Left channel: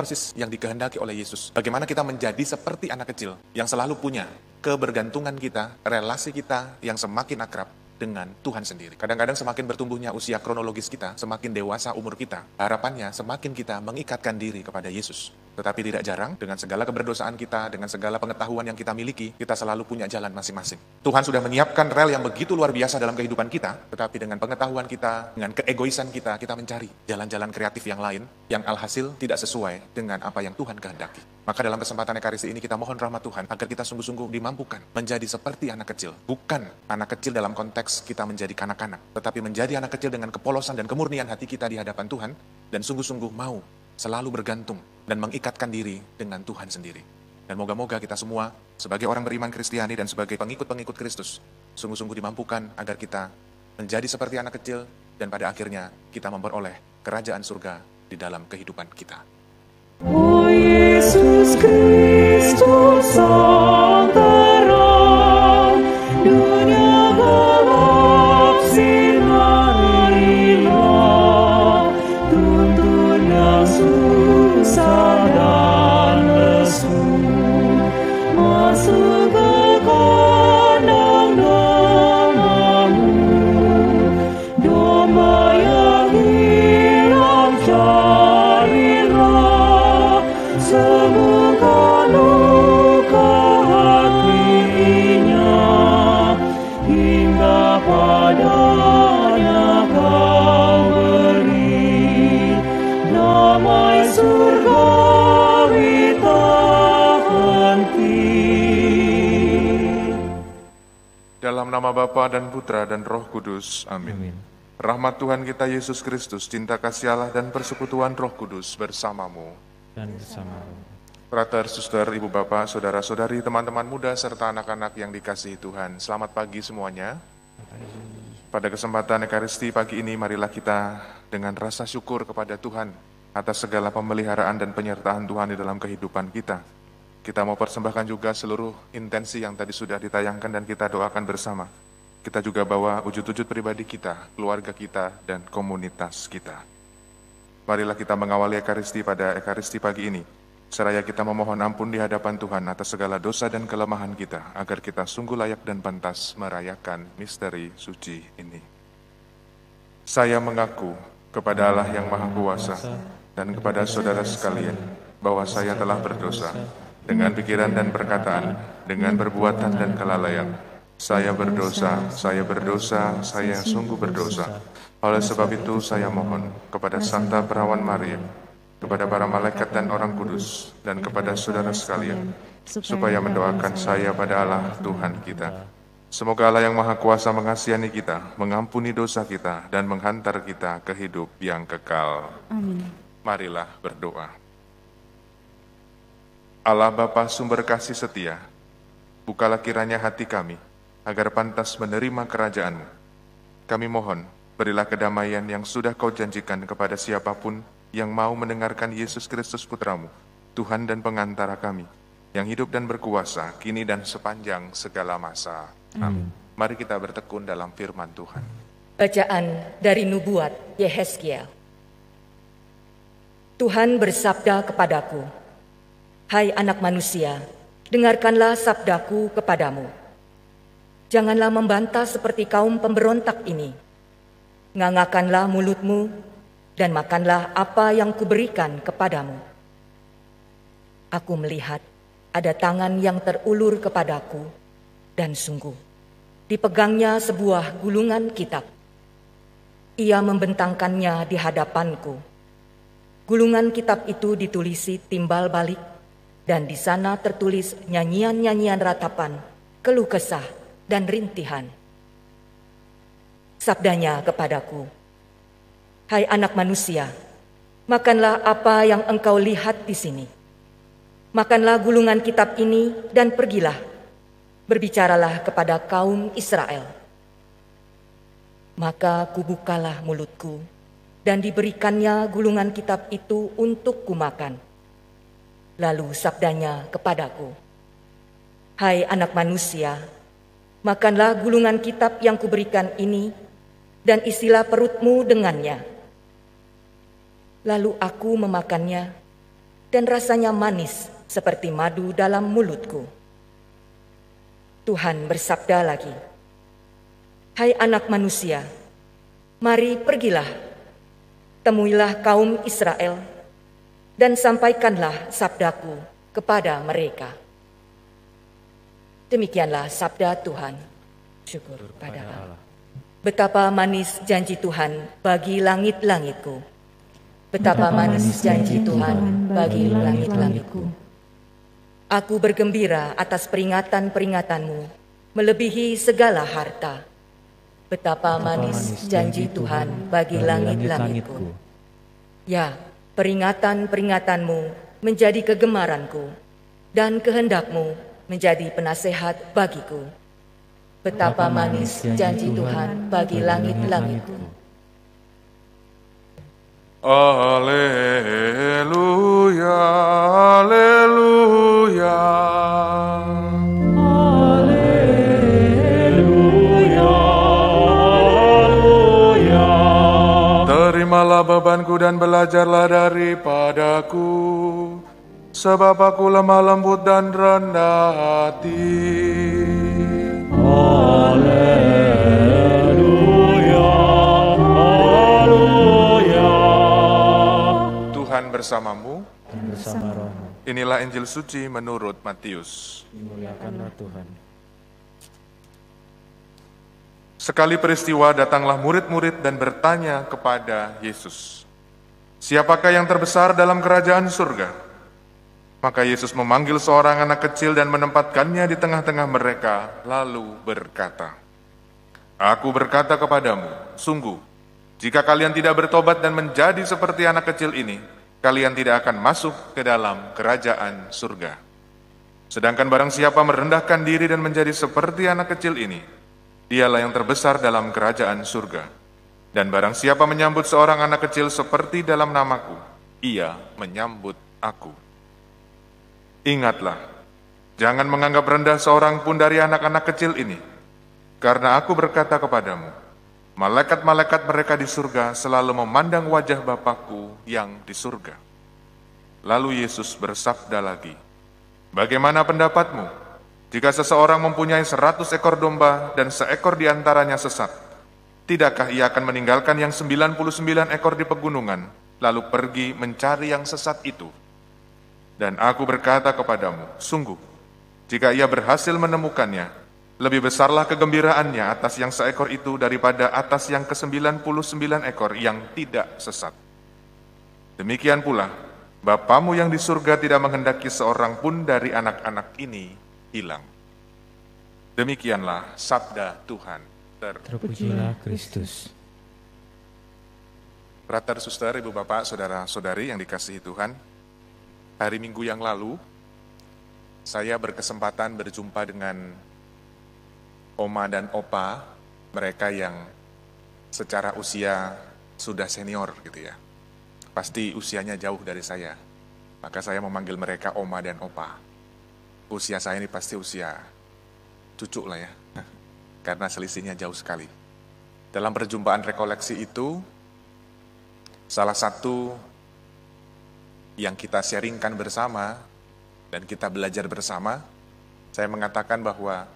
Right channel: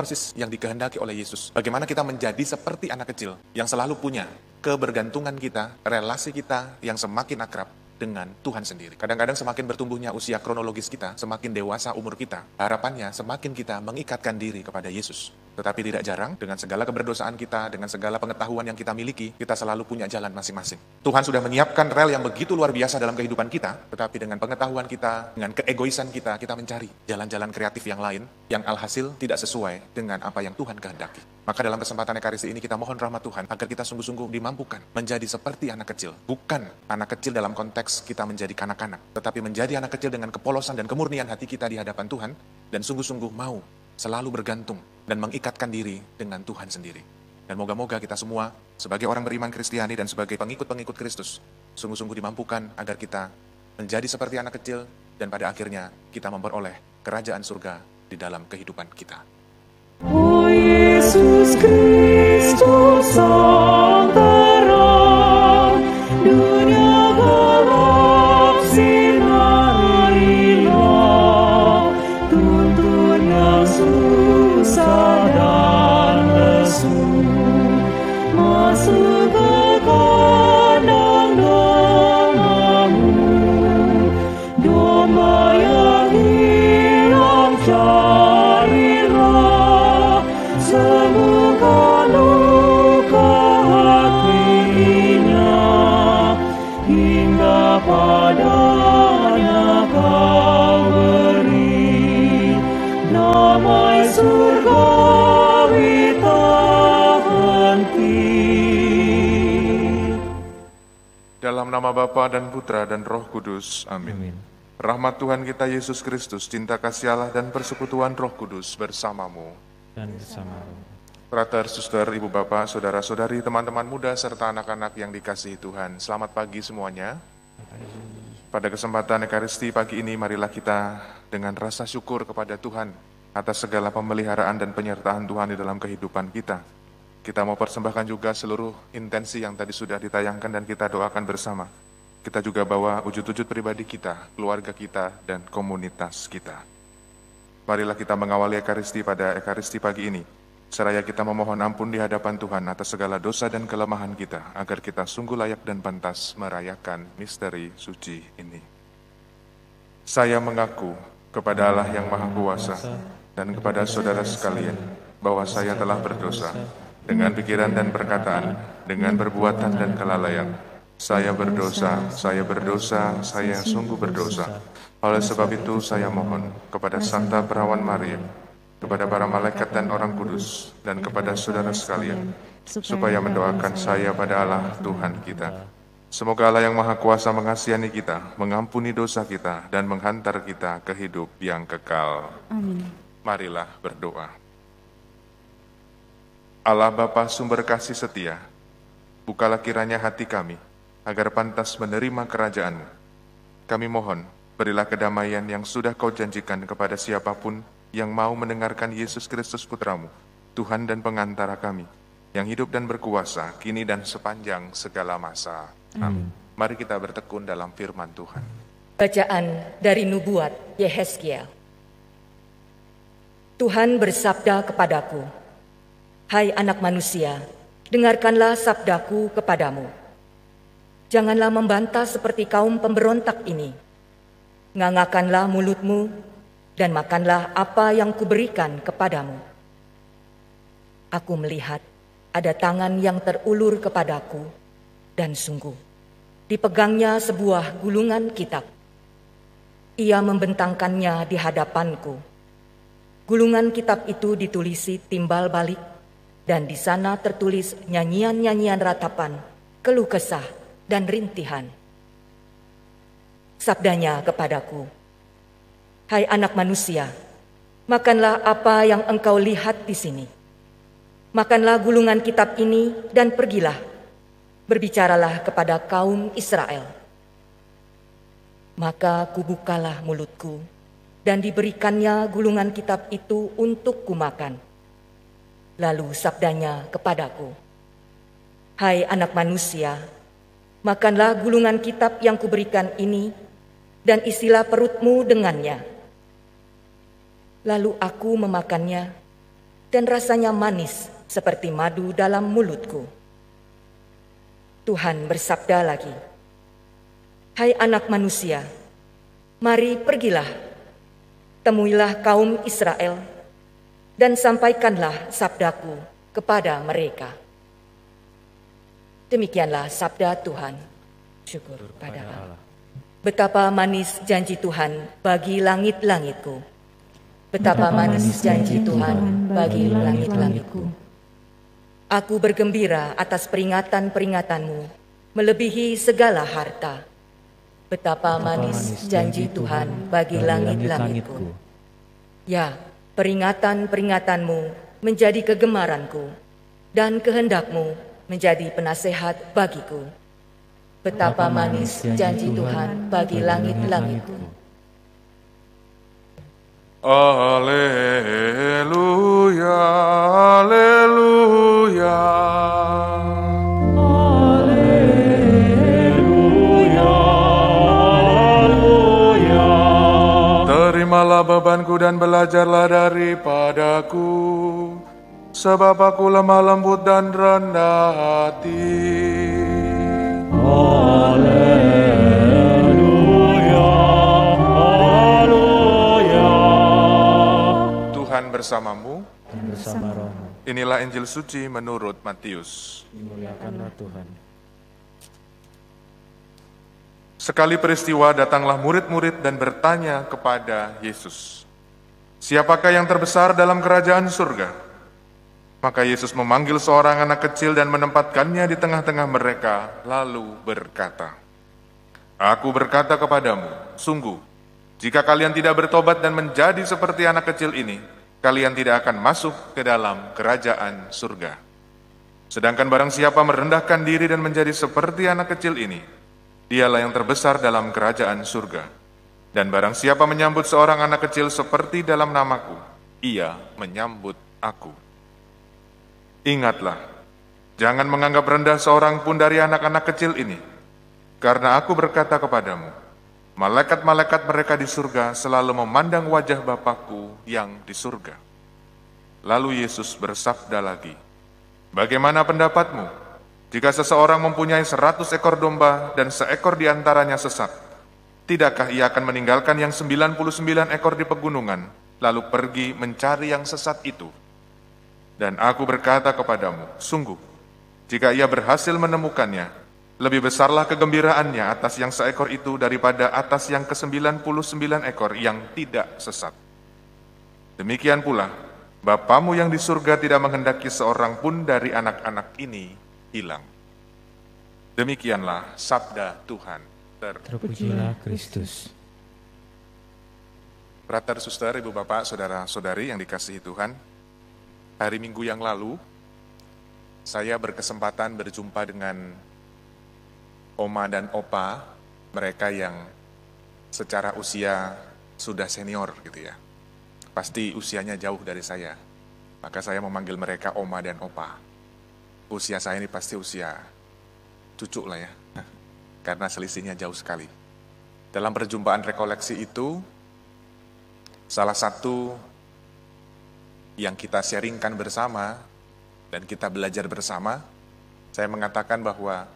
persis yang dikehendaki oleh Yesus. Bagaimana kita menjadi seperti anak kecil yang selalu punya kebergantungan kita, relasi kita yang semakin akrab dengan Tuhan sendiri. Kadang-kadang semakin bertumbuhnya usia kronologis kita, semakin dewasa umur kita, harapannya semakin kita mengikatkan diri kepada Yesus. Tetapi tidak jarang, dengan segala keberdosaan kita, dengan segala pengetahuan yang kita miliki, kita selalu punya jalan masing-masing. Tuhan sudah menyiapkan rel yang begitu luar biasa dalam kehidupan kita, tetapi dengan pengetahuan kita, dengan keegoisan kita, kita mencari jalan-jalan kreatif yang lain, yang alhasil tidak sesuai dengan apa yang Tuhan kehendaki. Maka dalam kesempatan Ekaristi ini kita mohon rahmat Tuhan, agar kita sungguh-sungguh dimampukan menjadi seperti anak kecil. Bukan anak kecil dalam konteks kita menjadi kanak-kanak, tetapi menjadi anak kecil dengan kepolosan dan kemurnian hati kita di hadapan Tuhan, dan sungguh-sungguh mau selalu bergantung dan mengikatkan diri dengan Tuhan sendiri. Dan moga-moga kita semua sebagai orang beriman Kristiani dan sebagai pengikut-pengikut Kristus sungguh-sungguh dimampukan agar kita menjadi seperti anak kecil dan pada akhirnya kita memperoleh kerajaan surga di dalam kehidupan kita. O Yesus Kristus Sang Terang, dunia gelap sinarilah, tuntun yang susah dan lesu, masuk ke kandang namamu, domba yang hilang carilah, sembuhkan luka hatinya, hingga padanya kau beri damai surgawi tak henti. Dalam nama Bapa dan Putra dan Roh Kudus. Amin. Rahmat Tuhan kita Yesus Kristus, cinta kasih Allah dan persekutuan Roh Kudus bersamamu. Dan bersamamu. Frater, suster, ibu bapak, saudara-saudari, teman-teman muda, serta anak-anak yang dikasihi Tuhan. Selamat pagi semuanya. Pada kesempatan Ekaristi pagi ini, marilah kita dengan rasa syukur kepada Tuhan atas segala pemeliharaan dan penyertaan Tuhan di dalam kehidupan kita. Kita mau persembahkan juga seluruh intensi yang tadi sudah ditayangkan dan kita doakan bersama. Kita juga bawa wujud-wujud pribadi kita, keluarga kita, dan komunitas kita. Marilah kita mengawali Ekaristi pada Ekaristi pagi ini, seraya kita memohon ampun di hadapan Tuhan atas segala dosa dan kelemahan kita, agar kita sungguh layak dan pantas merayakan misteri suci ini. Saya mengaku kepada Allah yang Maha Kuasa dan kepada saudara sekalian, bahwa saya telah berdosa dengan pikiran dan perkataan, dengan perbuatan dan kelalaian. Saya berdosa, saya yang sungguh berdosa. Oleh sebab itu saya mohon kepada Santa Perawan Maria, kepada para malaikat dan orang kudus, dan kepada saudara sekalian, supaya mendoakan saya pada Allah Tuhan kita. Semoga Allah yang Maha Kuasa mengasihani kita, mengampuni dosa kita, dan menghantar kita ke hidup yang kekal. Amin. Marilah berdoa. Allah Bapa sumber kasih setia, bukalah kiranya hati kami, agar pantas menerima kerajaan-Mu. Kami mohon, berilah kedamaian yang sudah Kau janjikan kepada siapapun yang mau mendengarkan Yesus Kristus Putra-Mu, Tuhan dan pengantara kami, yang hidup dan berkuasa, kini dan sepanjang segala masa. Amin. Mari kita bertekun dalam firman Tuhan. Bacaan dari Nubuat Yehezkiel. Tuhan bersabda kepadaku, "Hai anak manusia, dengarkanlah sabdaku kepadamu. Janganlah membantah seperti kaum pemberontak ini. Ngangakanlah mulutmu dan makanlah apa yang kuberikan kepadamu." Aku melihat ada tangan yang terulur kepadaku, dan sungguh dipegangnya sebuah gulungan kitab. Ia membentangkannya di hadapanku. Gulungan kitab itu ditulisi timbal balik, dan di sana tertulis nyanyian-nyanyian ratapan, keluh kesah, dan rintihan. Sabdanya kepadaku, "Hai anak manusia, makanlah apa yang engkau lihat di sini. Makanlah gulungan kitab ini dan pergilah, berbicaralah kepada kaum Israel." Maka kubukalah mulutku, dan diberikannya gulungan kitab itu untuk kumakan. Lalu sabdanya kepadaku, "Hai anak manusia, makanlah gulungan kitab yang kuberikan ini, dan isilah perutmu dengannya." Lalu aku memakannya, dan rasanya manis seperti madu dalam mulutku. Tuhan bersabda lagi, "Hai anak manusia, mari pergilah, temuilah kaum Israel, dan sampaikanlah sabdaku kepada mereka." Demikianlah sabda Tuhan. Syukur pada Allah. Betapa manis janji Tuhan bagi langit-langitku. Betapa manis janji Tuhan bagi langit-langitku. Aku bergembira atas peringatan-peringatanmu, melebihi segala harta. Betapa manis janji Tuhan bagi langit-langitku. Ya, peringatan-peringatanmu menjadi kegemaranku, dan kehendakmu menjadi penasehat bagiku. Betapa manis janji Tuhan bagi langit-langitku. Haleluya, haleluya. Terimalah bebanku dan belajarlah daripadaku, sebab aku lemah lembut dan rendah hati. Haleluya, haleluya. Tuhan bersamamu. Dan bersama rohmu. Inilah Injil suci menurut Matius. Dimuliakanlah Tuhan. Sekali peristiwa datanglah murid-murid dan bertanya kepada Yesus, "Siapakah yang terbesar dalam kerajaan surga?" Maka Yesus memanggil seorang anak kecil dan menempatkannya di tengah-tengah mereka, lalu berkata, "Aku berkata kepadamu, sungguh, jika kalian tidak bertobat dan menjadi seperti anak kecil ini, kalian tidak akan masuk ke dalam kerajaan surga. Sedangkan barang siapa merendahkan diri dan menjadi seperti anak kecil ini, dialah yang terbesar dalam kerajaan surga. Dan barang siapa menyambut seorang anak kecil seperti dalam namaku, ia menyambut aku. Ingatlah, jangan menganggap rendah seorang pun dari anak-anak kecil ini, karena aku berkata kepadamu, malaikat-malaikat mereka di surga selalu memandang wajah Bapakku yang di surga." Lalu Yesus bersabda lagi, "Bagaimana pendapatmu? Jika seseorang mempunyai 100 ekor domba dan seekor di antaranya sesat, tidakkah ia akan meninggalkan yang 99 ekor di pegunungan, lalu pergi mencari yang sesat itu? Dan aku berkata kepadamu, sungguh, jika ia berhasil menemukannya, lebih besarlah kegembiraannya atas yang seekor itu daripada atas yang ke-99 ekor yang tidak sesat. Demikian pula, Bapamu yang di surga tidak menghendaki seorang pun dari anak-anak ini hilang." Demikianlah sabda Tuhan. Terpujilah Kristus. Brother, suster, ibu bapak, saudara-saudari yang dikasihi Tuhan, hari Minggu yang lalu, saya berkesempatan berjumpa dengan oma dan opa, mereka yang secara usia sudah senior gitu ya. Pasti usianya jauh dari saya, maka saya memanggil mereka oma dan opa. Usia saya ini pasti usia cucu lah ya, karena selisihnya jauh sekali. Dalam perjumpaan rekoleksi itu, salah satu yang kita sharingkan bersama dan kita belajar bersama, saya mengatakan bahwa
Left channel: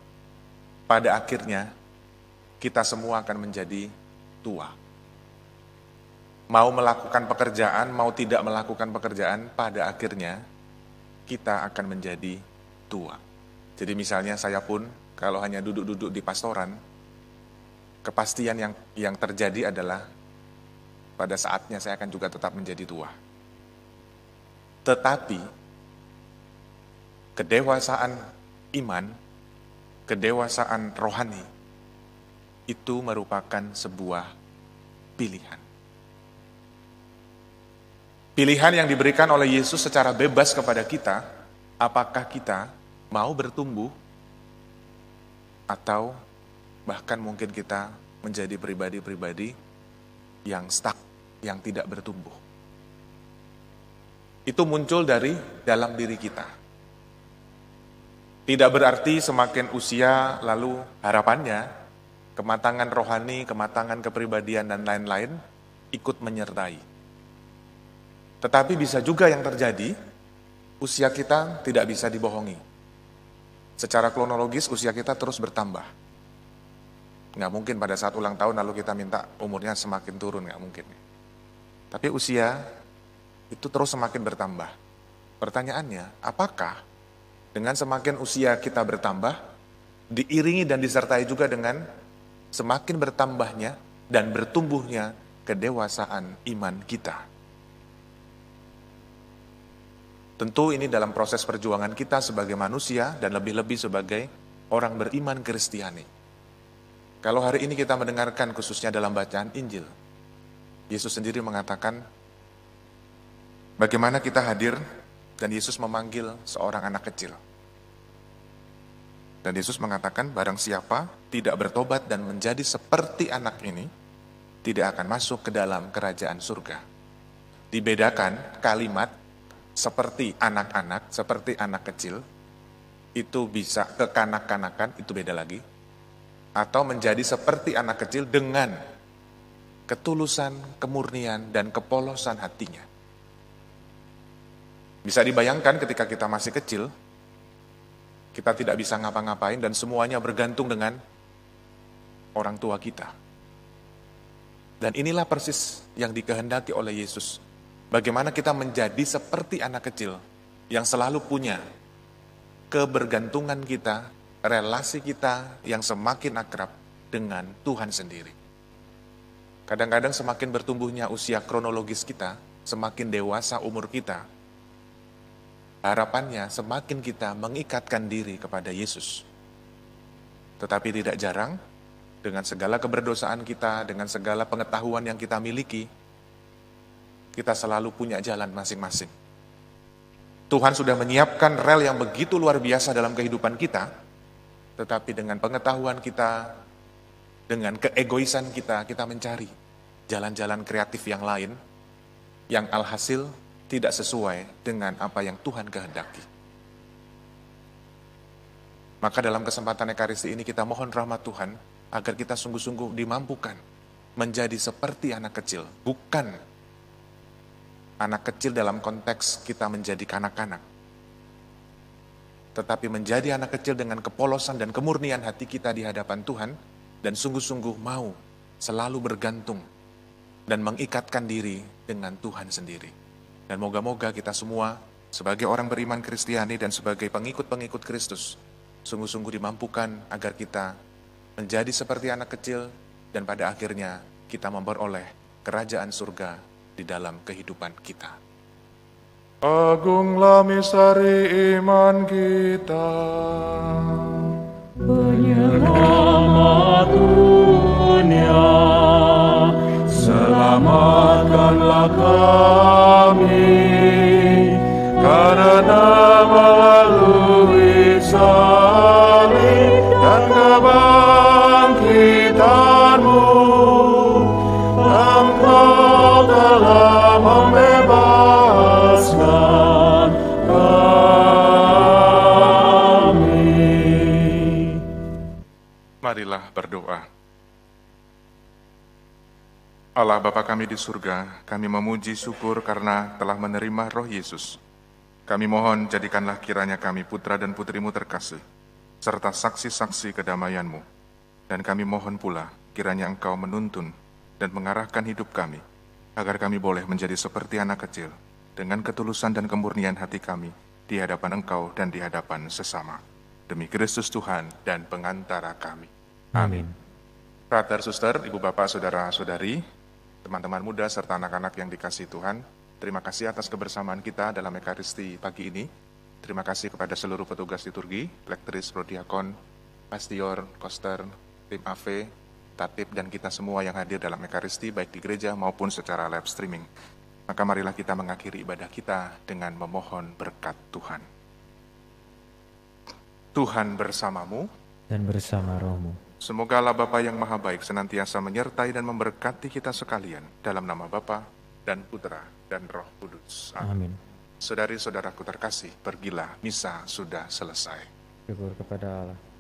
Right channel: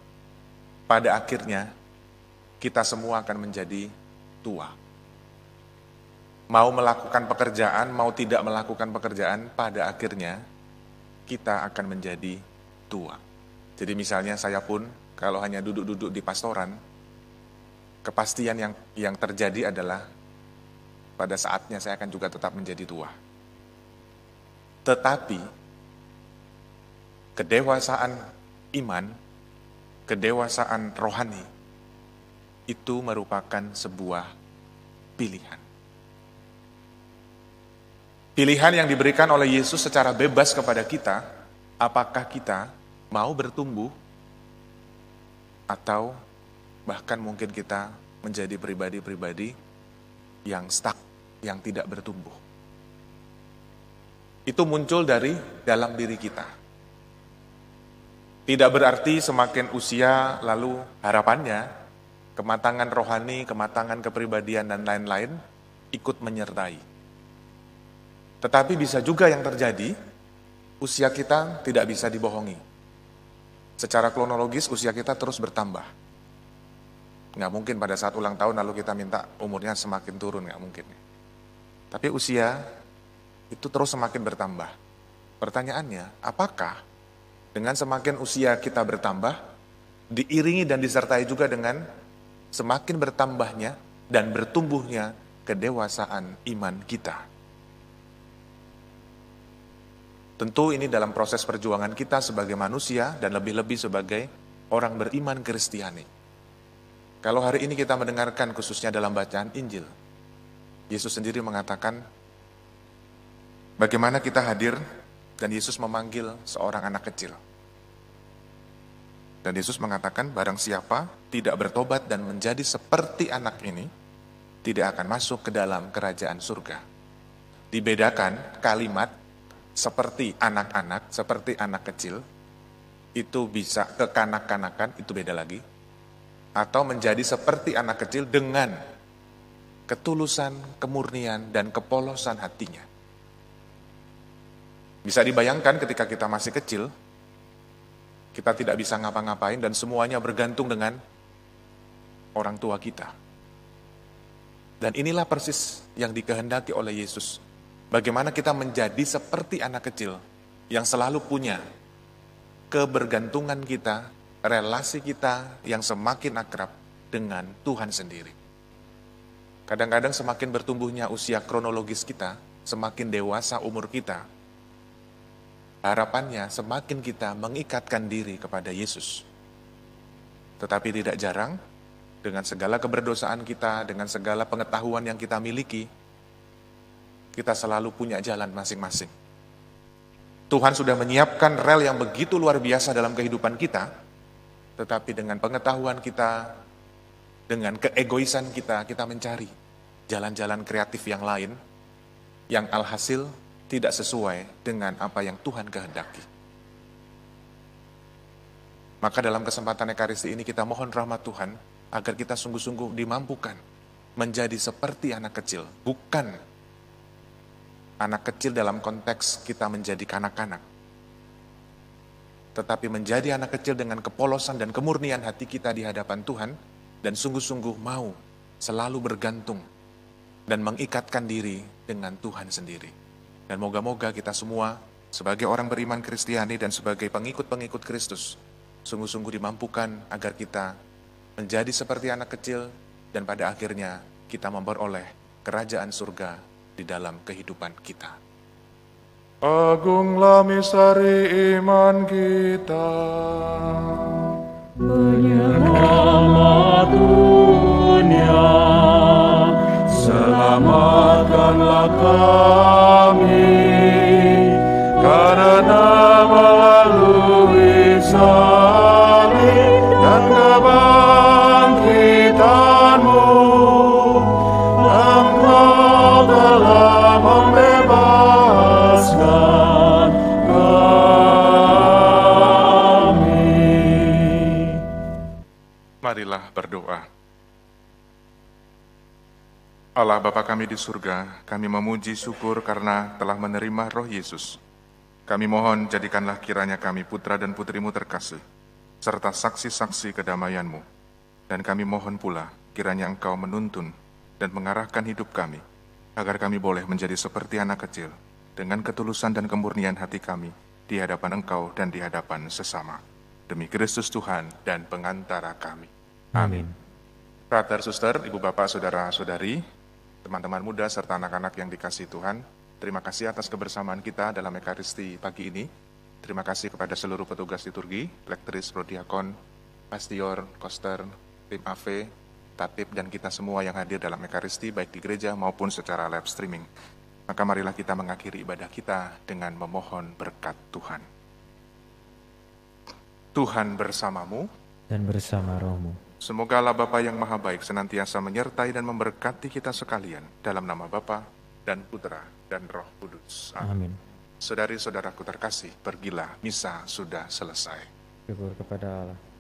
pada akhirnya kita semua akan menjadi tua. Mau melakukan pekerjaan, mau tidak melakukan pekerjaan, pada akhirnya kita akan menjadi tua. Jadi misalnya saya pun kalau hanya duduk-duduk di pastoran, kepastian yang terjadi adalah pada saatnya saya akan juga tetap menjadi tua. Tetapi kedewasaan iman, kedewasaan rohani, itu merupakan sebuah pilihan. Pilihan yang diberikan oleh Yesus secara bebas kepada kita, apakah kita mau bertumbuh atau bahkan mungkin kita menjadi pribadi-pribadi yang stuck, yang tidak bertumbuh. Itu muncul dari dalam diri kita. Tidak berarti semakin usia lalu harapannya kematangan rohani, kematangan kepribadian dan lain-lain ikut menyertai. Tetapi bisa juga yang terjadi usia kita tidak bisa dibohongi. Secara kronologis usia kita terus bertambah. Nggak mungkin pada saat ulang tahun lalu kita minta umurnya semakin turun, nggak mungkin. Tapi usia itu terus semakin bertambah. Pertanyaannya, apakah dengan semakin usia kita bertambah, diiringi dan disertai juga dengan semakin bertambahnya dan bertumbuhnya kedewasaan iman kita? Tentu ini dalam proses perjuangan kita sebagai manusia dan lebih-lebih sebagai orang beriman Kristiani. Kalau hari ini kita mendengarkan khususnya dalam bacaan Injil, Yesus sendiri mengatakan bagaimana kita hadir dan Yesus memanggil seorang anak kecil. Dan Yesus mengatakan barang siapa tidak bertobat dan menjadi seperti anak ini, tidak akan masuk ke dalam kerajaan surga. Dibedakan kalimat seperti anak-anak, seperti anak kecil, itu bisa kekanak-kanakan, itu beda lagi. Atau menjadi seperti anak kecil dengan ketulusan, kemurnian, dan kepolosan hatinya. Bisa dibayangkan ketika kita masih kecil, kita tidak bisa ngapa-ngapain dan semuanya bergantung dengan orang tua kita. Dan inilah persis yang dikehendaki oleh Yesus. Bagaimana kita menjadi seperti anak kecil yang selalu punya kebergantungan kita, relasi kita yang semakin akrab dengan Tuhan sendiri. Kadang-kadang semakin bertumbuhnya usia kronologis kita, semakin dewasa umur kita, harapannya semakin kita mengikatkan diri kepada Yesus. Tetapi tidak jarang, dengan segala keberdosaan kita, dengan segala pengetahuan yang kita miliki, kita selalu punya jalan masing-masing. Tuhan sudah menyiapkan rel yang begitu luar biasa dalam kehidupan kita, tetapi dengan pengetahuan kita, dengan keegoisan kita, kita mencari jalan-jalan kreatif yang lain, yang alhasil tidak sesuai dengan apa yang Tuhan kehendaki. Maka dalam kesempatan Ekaristi ini kita mohon rahmat Tuhan, agar kita sungguh-sungguh dimampukan menjadi seperti anak kecil. Bukan anak kecil dalam konteks kita menjadi kanak-kanak, tetapi menjadi anak kecil dengan kepolosan dan kemurnian hati kita di hadapan Tuhan, dan sungguh-sungguh mau selalu bergantung dan mengikatkan diri dengan Tuhan sendiri. Dan moga-moga kita semua sebagai orang beriman Kristiani dan sebagai pengikut-pengikut Kristus sungguh-sungguh dimampukan agar kita menjadi seperti anak kecil, dan pada akhirnya kita memperoleh kerajaan surga di dalam kehidupan kita. Agunglah misteri iman kita. Penyelamat dunia, selamatkanlah kami, karena melalui salib dan kebangkitan-Mu, Engkau telah membebaskan kami. Marilah berdoa. Allah Bapa kami di surga, kami memuji syukur karena telah menerima Roh Yesus. Kami mohon jadikanlah kiranya kami putra dan putri-Mu terkasih, serta saksi-saksi kedamaian-Mu. Dan kami mohon pula kiranya Engkau menuntun dan mengarahkan hidup kami, agar kami boleh menjadi seperti anak kecil, dengan ketulusan dan kemurnian hati kami di hadapan Engkau dan di hadapan sesama. Demi Kristus Tuhan dan pengantara kami. Amin. Frater, suster, ibu bapak, saudara-saudari, teman-teman muda serta anak-anak yang dikasihi Tuhan, terima kasih atas kebersamaan kita dalam Ekaristi pagi ini. Terima kasih kepada seluruh petugas liturgi, lektris, prodiakon, pastior, koster, tim AV, tatip, dan kita semua yang hadir dalam Ekaristi, baik di gereja maupun secara live streaming. Maka marilah kita mengakhiri ibadah kita dengan memohon berkat Tuhan. Tuhan bersamamu, Dan bersama rohmu. semoga Allah Bapa yang Maha Baik senantiasa menyertai dan memberkati kita sekalian, dalam nama Bapa dan Putra dan Roh Kudus. Amin. Amin. Saudari-saudaraku terkasih, pergilah, misa sudah selesai. Syukur kepada Allah.